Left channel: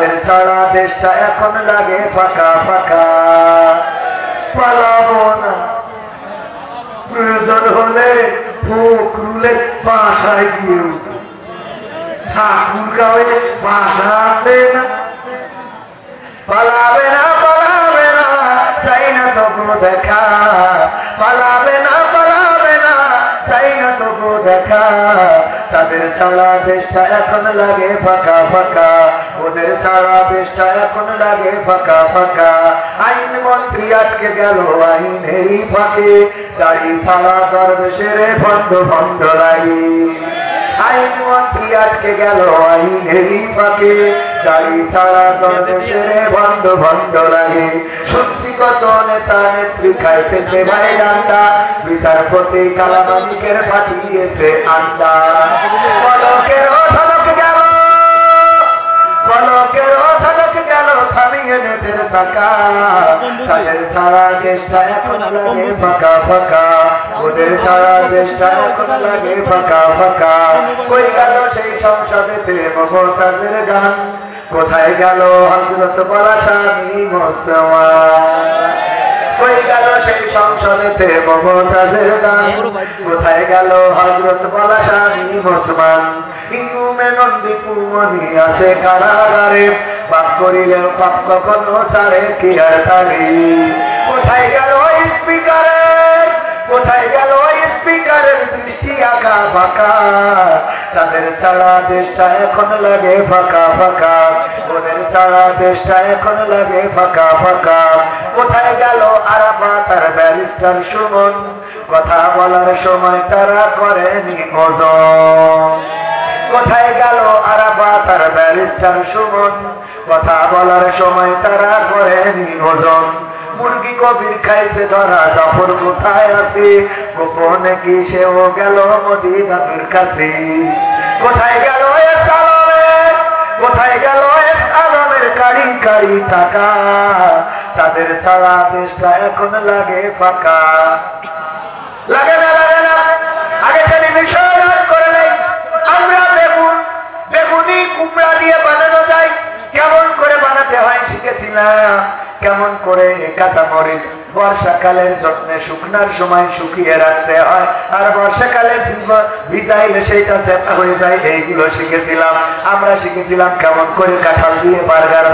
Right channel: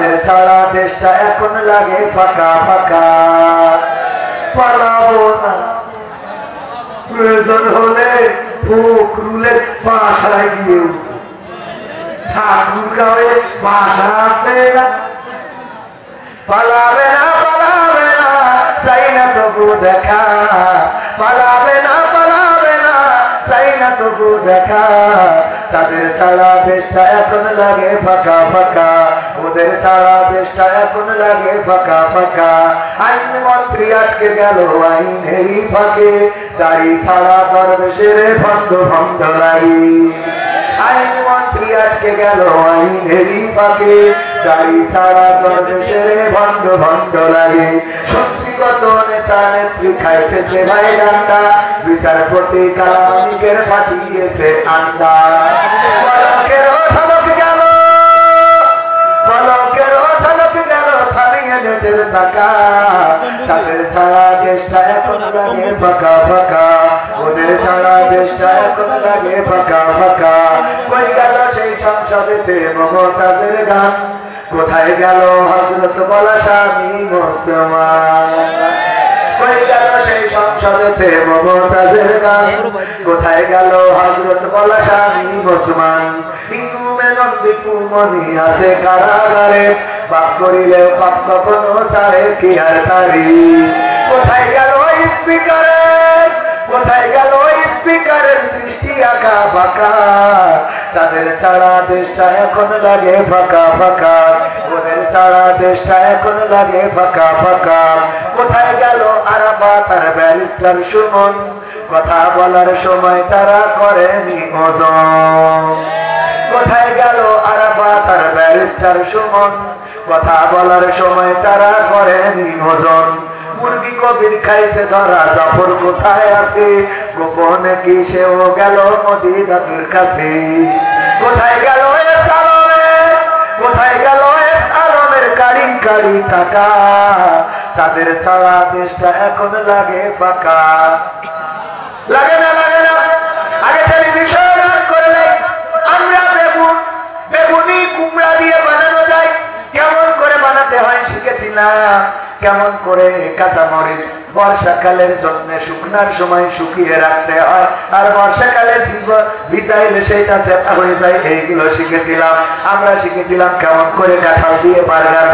তাদের ছাড়া দেশটা এখন লাগে ফাঁকা ফাঁকা। পালাবো না, প্রয়োজন হলে ফখরুলের বাসায় গিয়ে ঠাকুর গাঁয়ে বাসা আছে না। পালাবে না পালাবে না, চাই না তবু দেখা। পালাবে না পালাবে না, চাই না তবু দেখা। তাদের সারা দেশটা এখন লাগে ফাঁকা ফাঁকা, ওদের সারা দেশটা এখন লাগে ফাঁকা ফাঁকা। আইন মন্ত্রী আটকে গেল আইনেরই ফাঁকে, দাড়ি ছাড়া দরবেশের ভণ্ড ভণ্ড লাগি। আইন মন্ত্রী আটকে গেল আইনেরই ফাঁকে, দাড়ি ছাড়া দরবেশের ভণ্ড ভণ্ড লাগে। শুনছি কত নেতা নেত্রী খাইতেছে ভাই ডান্ডা, বিচারপতি কালামানিকের পাঠিয়েছে আন্ডা। পলকের ঝলক গেল, পলকের ঝলক গেল থামিয়ে নেটের চাকা। তাদের সারা দেশটা এখন লাগে ফাঁকা ফাঁকা, ওদের সারা দেশটা এখন লাগে ফাঁকা ফাঁকা। কই গেল সেই সংসদেতে মমতাজের গান, কোথায় গেল হযরত বলা স্বামী মুসলমান। কই গেল সেই সংসদেতে মমতাজের গান, কোথায় গেল হযরত বলা স্বামী মুসলমান। ইনুমে নন্দী কুমনি আছে কারাগারে, পাপ করিলেও পাপ কখনো সারে কি আর তারি। কোথায় গেল স্পিকারের, কোথায় গেল স্পিকারের দৃষ্টি আঁকা বাঁকা। তাদের সারা দেশটা এখন লাগে ফাঁকা ফাঁকা, ওদের সারা দেশটা এখন লাগে ফাঁকা ফাঁকা। কোথায় গেল আরাফাত আর ব্যারিস্টার সুমন, কথা বলার সময় তারা করেনি ওজন। কোথায় গেল আরাফাত আর ব্যারিস্টার সুমন, কথা বলার সময় তারা করেনি ওজন। মুরগি কবির খাইছে ধরা, জাফর কোথায় আছে, গোপনে কি সেও গেল মদিনাতুর কাছে। কোথায় গেল আলমের, কোথায় গেল আলমের কাড়ি কাড়ি টাকা। তাদের সারা দেশটা এখন লাগে ফাঁকা। লাগে না লাগে না, আগে টেলিভিশন করলে আমরা বেগুন বেগুনি কুমড়া দিয়ে বানানো যায়, কেমন করে বানাতে হয় শিখেছিলাম। কেমন করে কাঁচামরিচ বর্ষাকালের যত্নে শুকনার সময় শুকিয়ে রাখতে হয়, আর বর্ষাকালে ভিজাইলে সেইটা জেতা হয়ে যায়, এইগুলো শিখেছিলাম আমরা। শিখেছিলাম কেমন করে কাঁঠাল দিয়ে বার্গার